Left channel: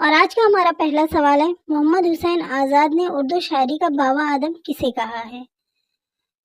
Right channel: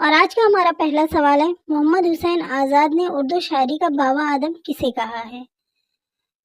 اور آج کا ہمارا پہلا سوال ہے، محمد حسین آزاد نے اردو شاعری کا بابا آدم کسے کہا ہے؟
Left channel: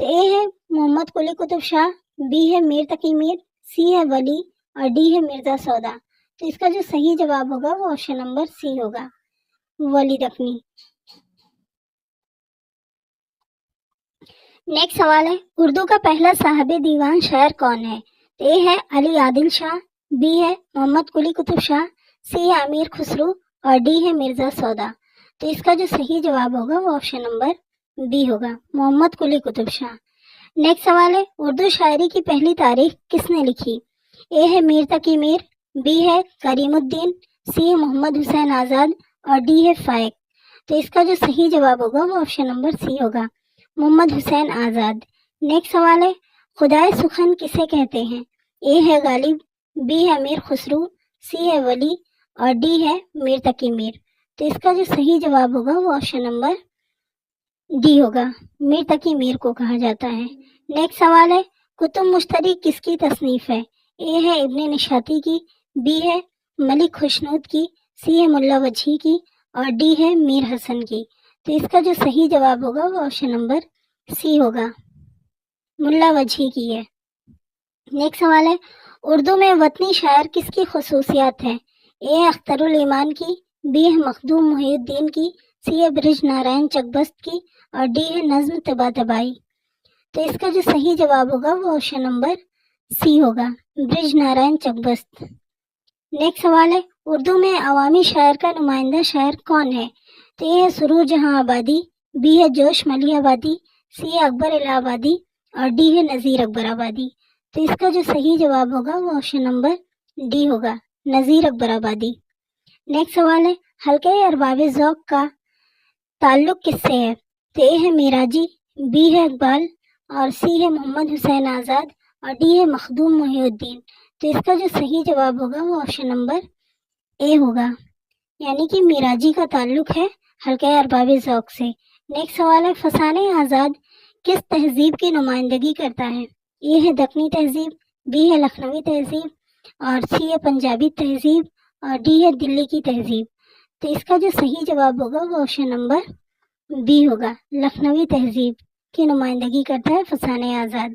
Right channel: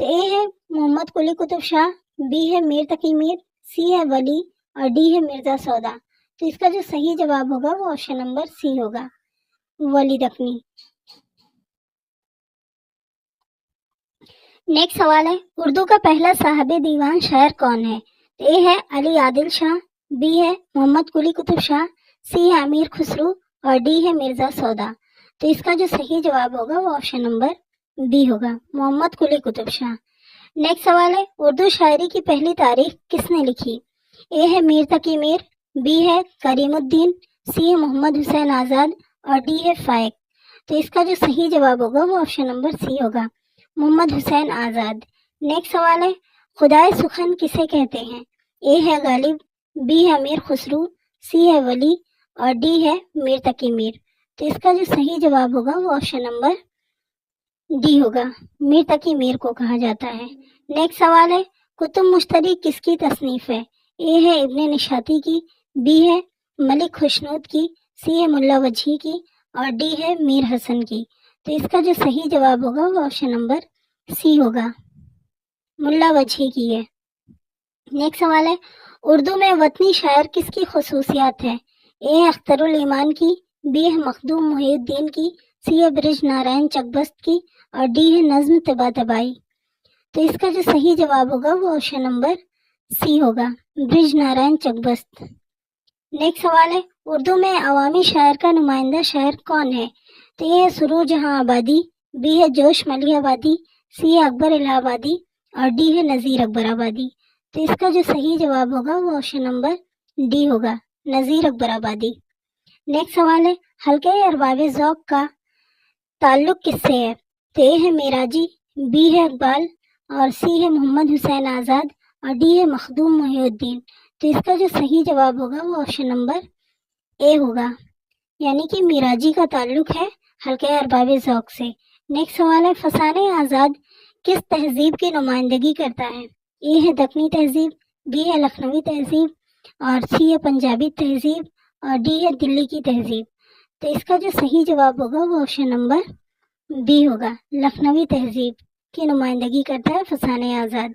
تو اے ہے محمد قلی قطب شاہ، بی ہے میر تقی میر، سی ہے ولی اور ڈی ہے مرزا سودا۔ تو اس کا جو صحیح جواب ہوگا وہ آپشن نمبر سی ہوگا، ولی تقی۔ نیکسٹ سوال ہے، اردو کا پہلا صاحب دیوان شاعر کون ہے؟ تو اے ہے علی عادل شاہ، بی ہے محمد قلی قطب شاہ، سی ہے امیر خسرو اور ڈی ہے مرزا سودا۔ تو اس کا جو صحیح جواب ہوگا وہ آپشن نمبر بی ہوگا، محمد قلی قطب شاہ۔ نیکسٹ سوال ہے، اردو شاعری کی پہلی تاریخ کس نے لکھی؟ اے ہے میر تقی میر، بی ہے کریم الدین، سی ہے محمد حسین آزاد اور ڈی ہے فائق۔ تو اس کا جو صحیح جواب ہوگا وہ آپشن نمبر سی ہوگا، محمد حسین آزاد۔ نیکسٹ سوال ہے، خدائے سخن کسے کہتے ہیں؟ اے ہے غالب، بی ہے امیر خسرو، سی ہے ولی اور ڈی ہے میر تقی میر۔ تو اس کا جو صحیح جواب ہوگا وہ آپشن نمبر ڈی ہوگا، میر تقی میر کو کہا جاتا ہے۔ نیکسٹ سوال ہے، کتب مشتری کس کی تصنیف ہے؟ اے ہے ابن نشاطی کی، بی ہے ملک خوشنود کی، سی ہے ملا وجہی کی اور ڈی ہے میر حسن کی۔ تو اس کا جو صحیح جواب ہوگا وہ آپشن نمبر سی ہوگا، ملا وجہی کی ہے۔ نیکسٹ سوال ہے، اردو میں وطنی شاعر کس کی خصوصیات ہے؟ اے ہے اختر الایمان کی، بی ہے مخدوم محی الدین کی، سی ہے برج نارائن چکبست کی اور ڈی ہے نظم طباطبائی۔ تو اس کا جو صحیح جواب ہوگا وہ آپشن نمبر سی ہوگا، برج نارائن چکبست۔ نیکسٹ سوال ہے، اردو میں عوامی شاعر کا نمائندہ شاعر کون ہے؟ تو یہ ہے سرور جہاں آبادی، بی ہے جوش ملی آبادی، سی ہے اکبر الہ آبادی اور ڈی ہے نذیر اکبر آبادی۔ تو اس کا جو صحیح جواب ہوگا وہ آپشن نمبر ڈی ہوگا، نذیر اکبر آبادی۔ نیکسٹ سوال ہے، حلقہ ارباب ذوق کا تعلق کس سے ہے؟ تو اے ہے میراجی، بی ہے اقبال اور سی ہے محمد حسین آزاد اور ڈی ہے مخدوم محی الدین۔ تو اس کا جو صحیح جواب ہوگا وہ آپشن نمبر اے ہوگا، یعنی کہ میراجی کا تعلق ہے حلقہ ارباب ذوق سے۔ نیکسٹ سوال ہے، فسانہ آزاد کس تہذیب کی نمائندگی کرتا ہے؟ اے ہے دکنی تہذیب، بی ہے لکھنوی تہذیب اور سی ہے پنجابی تہذیب اور ڈی ہے دلی کی تہذیب۔ تو اس کا جو صحیح جواب ہوگا وہ آپشن نمبر بی ہوگا، لکھنوی تہذیب کی نمائندگی کرتا ہے فسانہ آزاد۔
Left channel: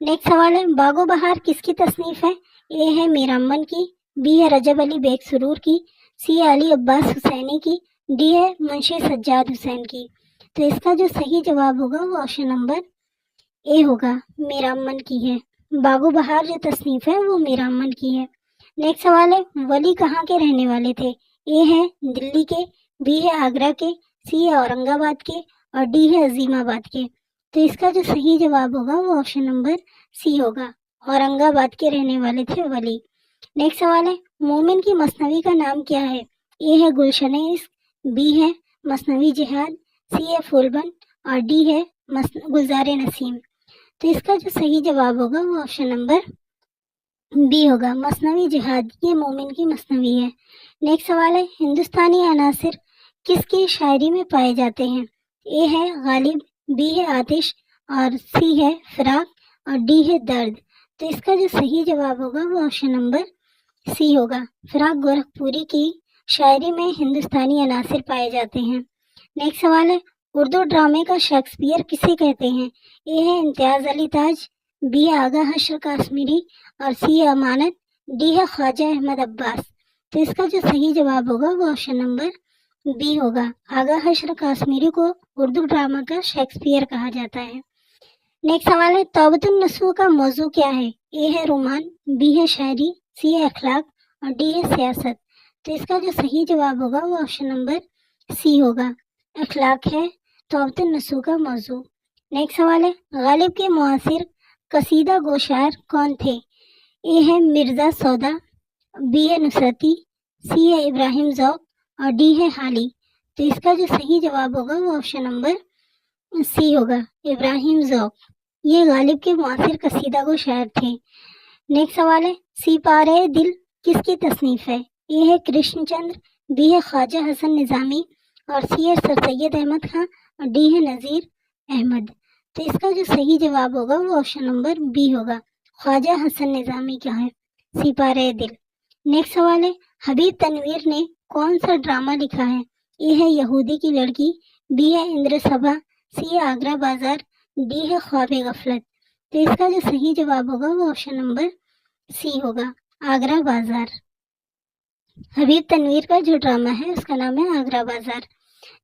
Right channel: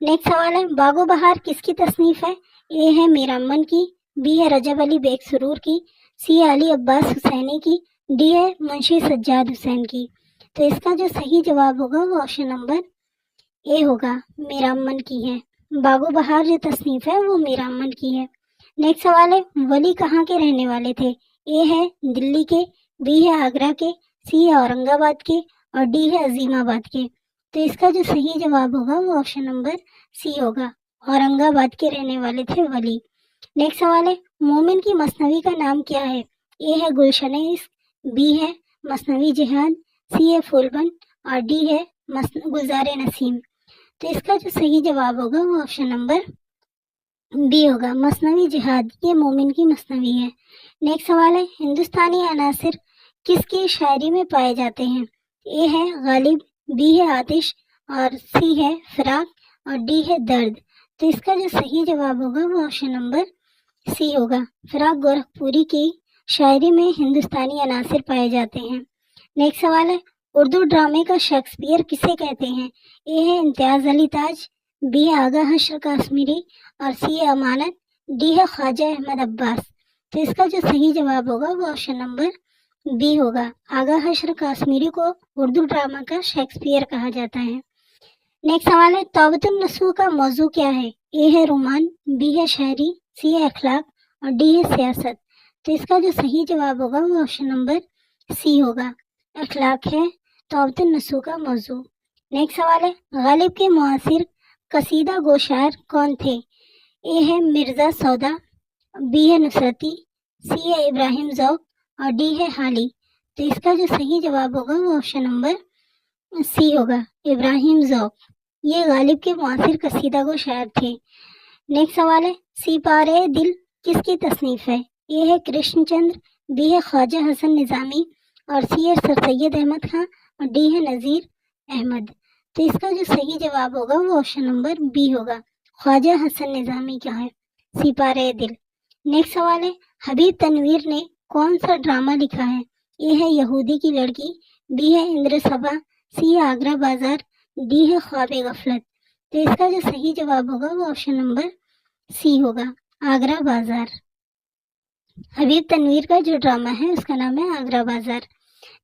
نیکسٹ سوال ہے، باغ و بہار کس کی تصنیف ہے؟ اے ہے میر امن کی، بی ہے رجب علی بیگ سرور کی، سی ہے علی عباس حسینی کی، ڈی ہے منشی سجاد حسین کی۔ تو اس کا جو صحیح جواب ہوگا وہ آپشن نمبر اے ہوگا، میر امن کی ہے۔ باغ و بہار جو تصنیف ہے وہ میر امن کی ہے۔ نیکسٹ سوال ہے، ولی کہاں کے رہنے والے تھے؟ اے ہے دلی کے، بی ہے آگرہ کے، سی ہے اورنگ آباد کے اور ڈی ہے عظیم آباد کے۔ تو اس کا جو صحیح جواب ہوگا وہ آپشن نمبر سی ہوگا، اورنگ آباد کے رہنے والے تھے ولی۔ نیکسٹ سوال ہے، مومن کی مثنوی کا نام کیا ہے؟ اے ہے گلشن عشق، بی ہے مثنوی جہاد، سی ہے پھولبن اور ڈی ہے گلزار نسیم۔ تو اس کا جو صحیح جواب ہوگا وہ آپشن نمبر بی ہوگا، مثنوی جہاد، یہ مومن کی مثنوی ہے۔ نیکسٹ سوال ہے، ہندوستانی عناصر کس کی شاعری میں پائے جاتے ہیں؟ اے ہے غالب، بی ہے آتش اور سی ہے فراق اور ڈی ہے درد۔ تو اس کا جو صحیح جواب ہوگا وہ آپشن نمبر سی ہوگا، فراق گورکھپوری کی شاعری میں ہندوستانی عناصر پائے جاتے ہیں۔ نیکسٹ سوال ہے، اردو ڈرامے کا شیکسپیئر کسے کہتے ہیں؟ اے ہے امتیاز علی تاج، بی ہے آغا حشر کاشمیری اور سی ہے امانت، ڈی ہے خواجہ احمد عباس۔ تو اس کا جو صحیح جواب ہوگا وہ آپشن نمبر بی ہوگا، آغا حشر کاشمیری کو اردو ڈرامہ کا شیکسپیئر کہا جاتا ہے۔ نیکسٹ سوال ہے، توبۃ النصوح کا موضوع کیا ہے؟ اے ہے رومان، بی ہے شاعری، سی ہے اخلاق اور ڈی ہے سیاست۔ تو اس کا جو صحیح جواب ہوگا وہ آپشن نمبر سی ہوگا، اخلاق ہے توبۃ النصوح کا موضوع۔ نیکسٹ سوال ہے، غالب کے معاصر قصیدہ گو شاعر کون تھے؟ اے ہے مرزا سودا، بی ہے نصرتی، سی ہے ابراہیم ذوق اور ڈی ہے حالی۔ تو اس کا جو صحیح جواب ہوگا وہ آپشن نمبر سی ہوگا، ابراہیم ذوق، یہ غالب کے معاصر قصیدہ گو شاعر تھے۔ نیکسٹ سوال ہے، سپارہ دل کس کی تصنیف ہے؟ اے ہے کرشن چندر، بی ہے خواجہ حسن نظامی اور سی ہے سر سید احمد خان اور ڈی ہے نذیر احمد۔ تو اس کا جو صحیح جواب ہوگا وہ آپشن نمبر بی ہوگا، خواجہ حسن نظامی کا ہے سپارہ دل۔ نیکسٹ سوال ہے، حبیب تنویر نے کون سا ڈرامہ لکھا ہے؟ اے ہے یہودی کی لڑکی، بی ہے اندر سبھا، سی ہے آگرہ بازار، ڈی ہے خواب غفلت۔ تو اس کا جو صحیح جواب ہوگا وہ آپشن نمبر سی ہوگا، آگرہ بازار۔ حبیب تنویر کا جو ڈرامہ ہے اس کا نام ہے آگرہ بازار۔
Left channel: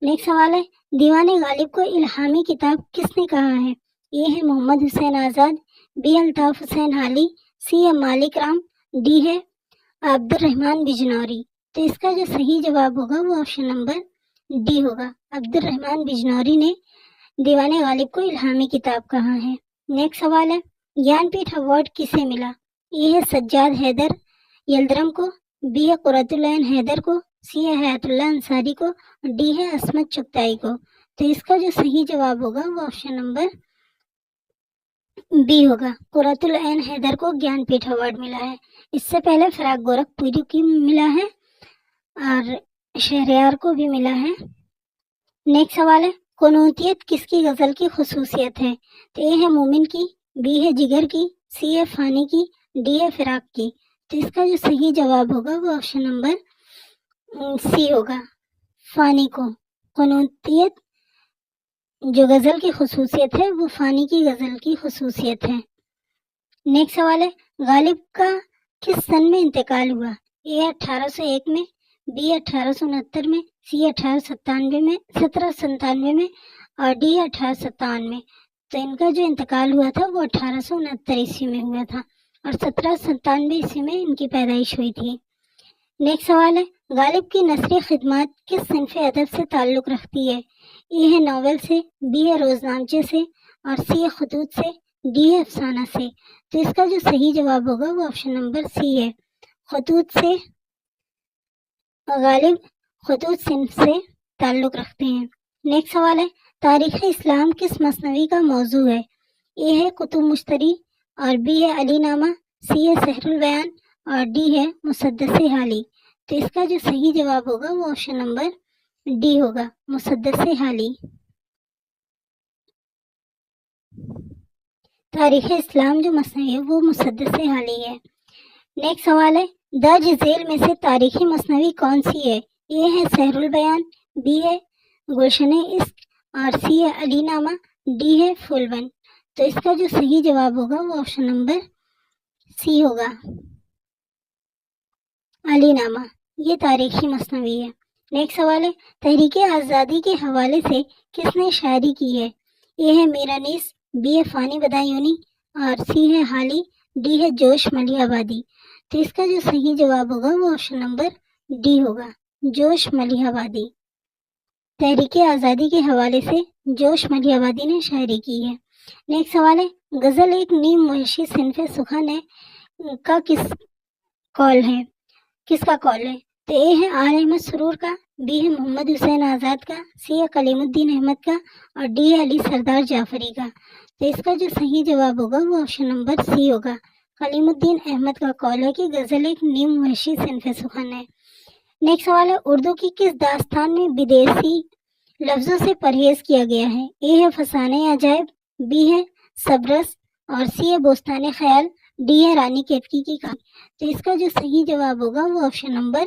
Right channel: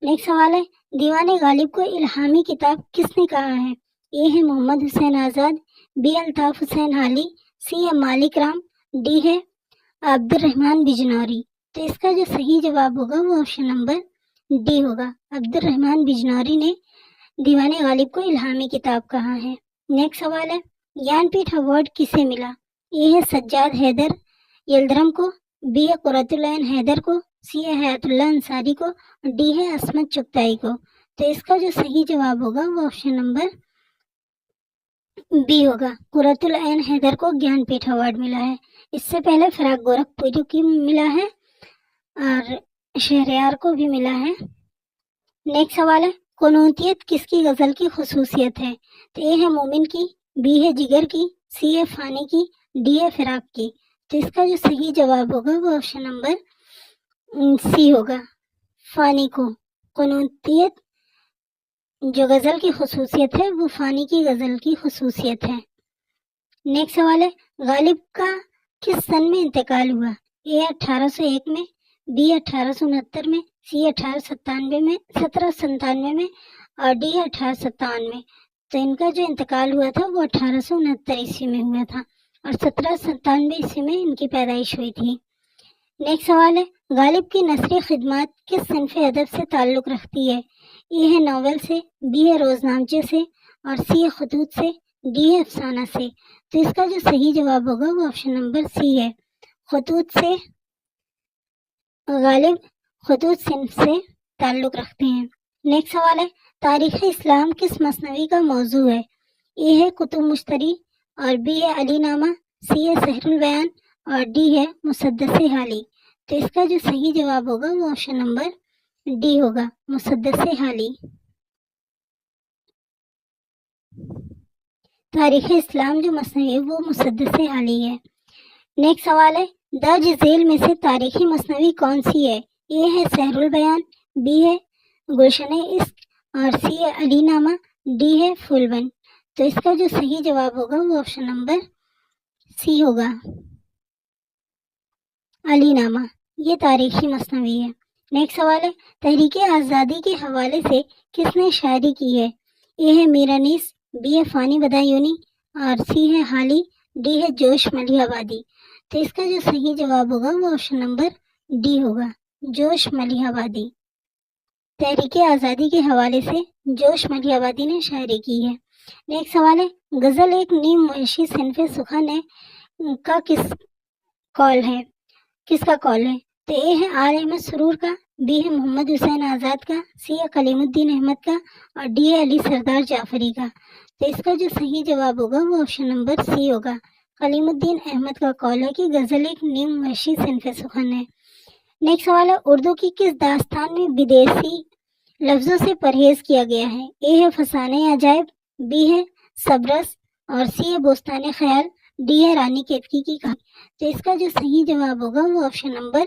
نیکسٹ سوال ہے، دیوان غالب کو الہامی کتاب کس نے کہا ہے؟ اے ہے محمد حسین آزاد، بی الطاف حسین حالی، سی ہے مالک رام، ڈی ہے عبد الرحمن بجنوری۔ تو اس کا جو صحیح جواب ہوگا وہ آپشن نمبر ڈی ہوگا، عبد الرحمن بجنوری نے دیوان غالب کو الہامی کتاب کہا ہے۔ نیکسٹ سوال ہے، گیان پیٹھ ایوارڈ کسے ملا؟ اے ہے سجاد حیدر یلدرم کو، بی ہے قرۃ العین حیدر کو، سی ہے حیات اللہ انصاری کو، ڈی ہے عصمت چغتائی کو۔ تو اس کا جو صحیح جواب ہوگا وہ آپشن نمبر بی ہوگا، قرۃ العین حیدر کو گیان پیٹھ ایوارڈ ملا ہے۔ اس سے پہلے فراق گورکھپوری کو ملا ہے اور شہریار کو بھی ملا ہے۔ نیکسٹ سوال ہے، قنوتیت کس کی غزل کی خصوصیت ہے؟ تو اے ہے مومن کی، بی ہے جگر کی، سی ہے فانی کی، ڈی ہے فراق کی۔ تو اس کا جو صحیح جواب ہوگا وہ آپشن نمبر سی ہوگا، فانی کو۔ قنوتیت جو غزل کی خصوصیت ہے وہ فانی کی غزل کی خصوصیت ہے۔ نیکسٹ سوال ہے، غالب کا کس سن میں انتقال ہوا؟ اے 1801 میں، بی 1869 میں، سی 1797 میں اور ڈی 1857 میں۔ تو ان کا جو انتقال ہوا تھا وہ 1869 عیسوی میں ہوا تھا اور 1797 عیسوی میں ان کی پیدائش ہوئی تھی۔ نیکسٹ سوال ہے، غالب کی نثری خدمات کس صنف ادب سے تعلق رکھتی ہے؟ اے ہے ناول سے، بی ہے روزنامچے سے اور سی ہے خطوط سے، ڈی ہے افسانہ سے۔ تو اس کا جو صحیح جواب ہوگا وہ آپشن نمبر سی ہے، خطوط سے۔ غالب خطوط صنف سے تعلق رکھتے ہیں۔ نیکسٹ سوال ہے، تاریخ اسلام کس مثنوی کا موضوع ہے؟ اے ہے کتب مشتری اور بی ہے علی نامہ، سی ہے سحر البیان اور ڈی ہے مسدس حالی۔ تو اس کا جو صحیح جواب ہوگا وہ آپشن نمبر ڈی ہوگا، مسدس حالی۔ تاریخ اسلام جو مثنوی ہے وہ مسدس حالی ہے۔ نیکسٹ سوال ہے، درج ذیل میں سے تاریخی مثنوی کون سی ہے؟ اے ہے سحر البیان، بی ہے گلشن عشق اور سی ہے علی نامہ، ڈی ہے پھول بند۔ تو اس کا جو صحیح جواب ہوگا وہ آپشن نمبر سی ہوگا، علی نامہ۔ یہ تاریخی مثنوی ہے۔ نیکسٹ سوال ہے، تحریک آزادی کے حوالے سے کس نے شاعری کی ہے؟ اے ہے میر انیس، بی ہے فانی بدایونی اور سی ہے حالی، ڈی ہے جوش ملیح آبادی۔ تو اس کا جو صحیح جواب ہوگا وہ آپشن نمبر ڈی ہوگا، جوش ملیح آبادی۔ تحریک آزادی کے حوالے سے جوش ملیح آبادی نے شاعری کی ہے۔ نیکسٹ سوال ہے، غزل ایک نیم معاشی صنف سخن ہے کا کس کا قول ہے؟ تو اے ہے آر احمد سرور کا، بی ہے محمد حسین آزاد کا، سی ہے کلیم الدین احمد کا اور ڈی ہے علی سردار جعفری کا۔ تو اس کا جو صحیح جواب ہوگا وہ آپشن نمبر سی ہوگا، کلیم الدین احمد کا قول ہے کہ غزل ایک نیم معاشی صنف سخن ہے۔ نیکسٹ سوال ہے، اردو کی کس داستان میں بدیسی لفظوں سے پرہیز کیا گیا ہے؟ اے ہے فسانہ عجائب، بی ہے صبرس اور سی ہے بوستان خیال، ڈی ہے رانی کیتکی کی کہانی۔ تو اس کا جو صحیح جواب ہوگا وہ آپشن نمبر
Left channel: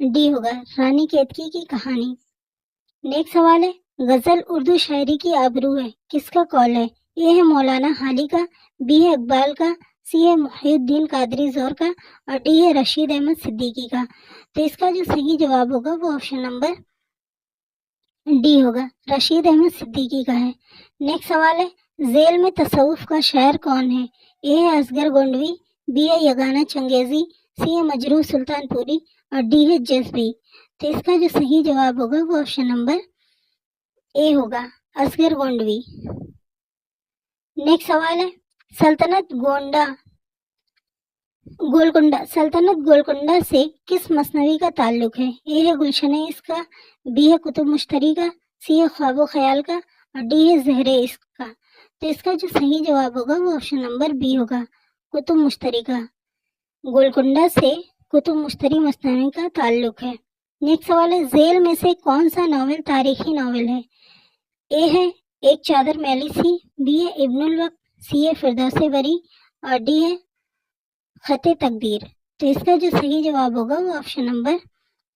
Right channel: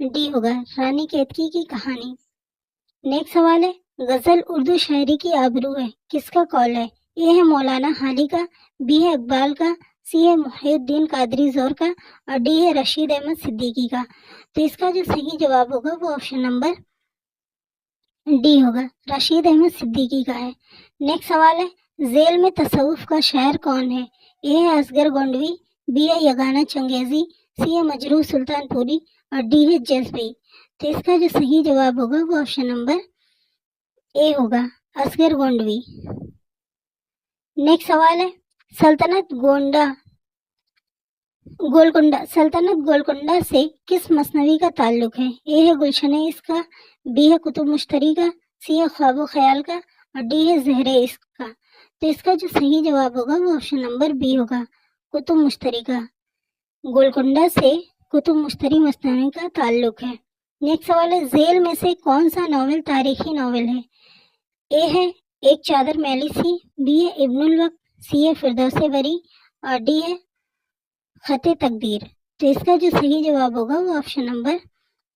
ڈی ہوگا، رانی کیتکی کی کہانی۔ نیکسٹ سوال ہے، غزل اردو شاعری کی آبرو ہے، کس کا قول ہے؟ اے ہے مولانا حالی کا، بی ہے اقبال کا، سی ہے محی الدین قادری زور کا اور ڈی ہے رشید احمد صدیقی کا۔ تو اس کا جو صحیح جواب ہوگا وہ آپشن نمبر ڈی ہوگا، رشید احمد صدیقی کا ہے۔ نیکسٹ سوال ہے، ذیل میں تصوف کا شاعر کون ہے؟ اے ہے اصغر گونڈوی، بی ہے یگانہ چنگیزی، سی ہے مجروح سلطان پوری اور ڈی ہے جذبی۔ تو اس کا جو صحیح جواب ہوگا وہ آپشن نمبر اے ہوگا، اصغر گونڈوی۔ نیکسٹ سوال ہے، سلطنت گولکنڈہ سے کس مثنوی کا تعلق ہے؟ اے ہے گلشن عشق کا، بی ہے کتب مشتری کا، سی ہے خواب و خیال کا اور ڈی ہے زہر عشق کا۔ تو اس کا جو صحیح جواب ہوگا وہ آپشن نمبر بی ہوگا، کتب مشتری کا۔ گولکنڈہ سے کتب مشتری مثنوی کا تعلق ہے۔ نیکسٹ سوال ہے، ذیل میں سے کون سا ناول تاریخی ناول ہے؟ اے ہے ایک چادر میلی سی، بی ہے ابن الوقت، سی ہے فردوس بری اور ڈی ہے خط تقدیر۔ تو اس کا جو صحیح جواب ہوگا وہ آپشن نمبر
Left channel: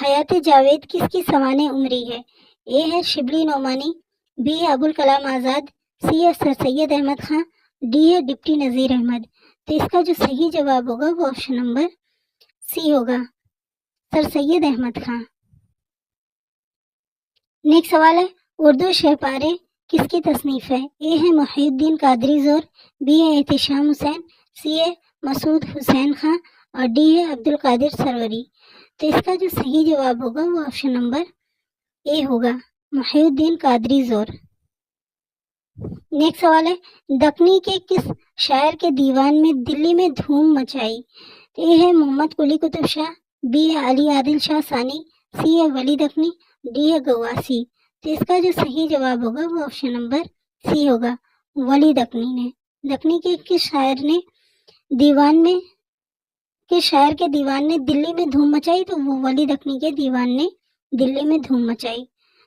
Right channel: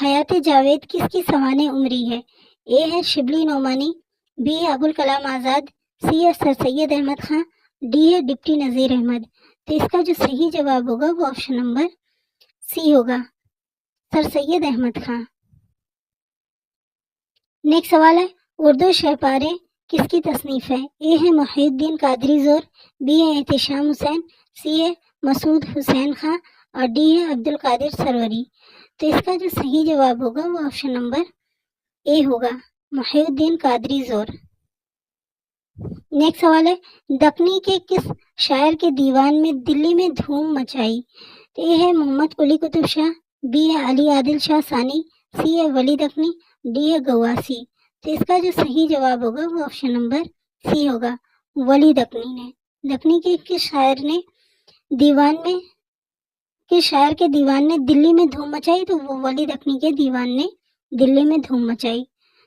حیات جاوید کس کی سوانح عمری ہے؟ اے ہے شبلی نعمانی، بی ہے ابوالکلام آزاد، سی ہے سر سید احمد خان، ڈی ہے ڈپٹی نذیر احمد۔ تو اس کا جو صحیح جواب ہوگا وہ آپشن نمبر سی ہوگا، سر سید احمد خان۔ نیکسٹ سوال ہے اردو شہ پارے کس کی تصنیف ہے؟ اے ہے محی الدین قادری زور، بی ہے احتشام حسین، سی ہے مسعود حسین خان اور ڈی ہے عبدالقادر سروری۔ تو اس کا جو صحیح جواب ہوگا وہ آپشن نمبر اے ہوگا، محی الدین قادری زور۔ نیکسٹ سوال ہے دکنی کے کس شاعر کے دیوان میں دلی میں دھوم مچائی؟ اے ہے محمد قلی قطب شاہ، بی ہے علی عادل شاہ ثانی، سی ہے ولی دکنی، ڈی ہے گواسی۔ تو اس کا جو صحیح جواب ہوگا وہ آپشن نمبر سی ہوگا، ولی دکنی نے۔ دکنی کے کس شاعر نے دیوان میں کس شاعر کے دیوان نے دلی میں دھوم مچائی؟ تو وہ ولی دکنی کے دیوان نے دلی میں دھوم مچائی۔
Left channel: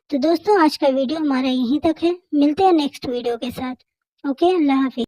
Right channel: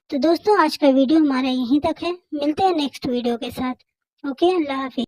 تو دوستوں آج کا ویڈیو ہمارا یہیں تک ہے، ملتے ہیں نیکسٹ ویڈیو کے ساتھ۔ اوکے، اللہ حافظ۔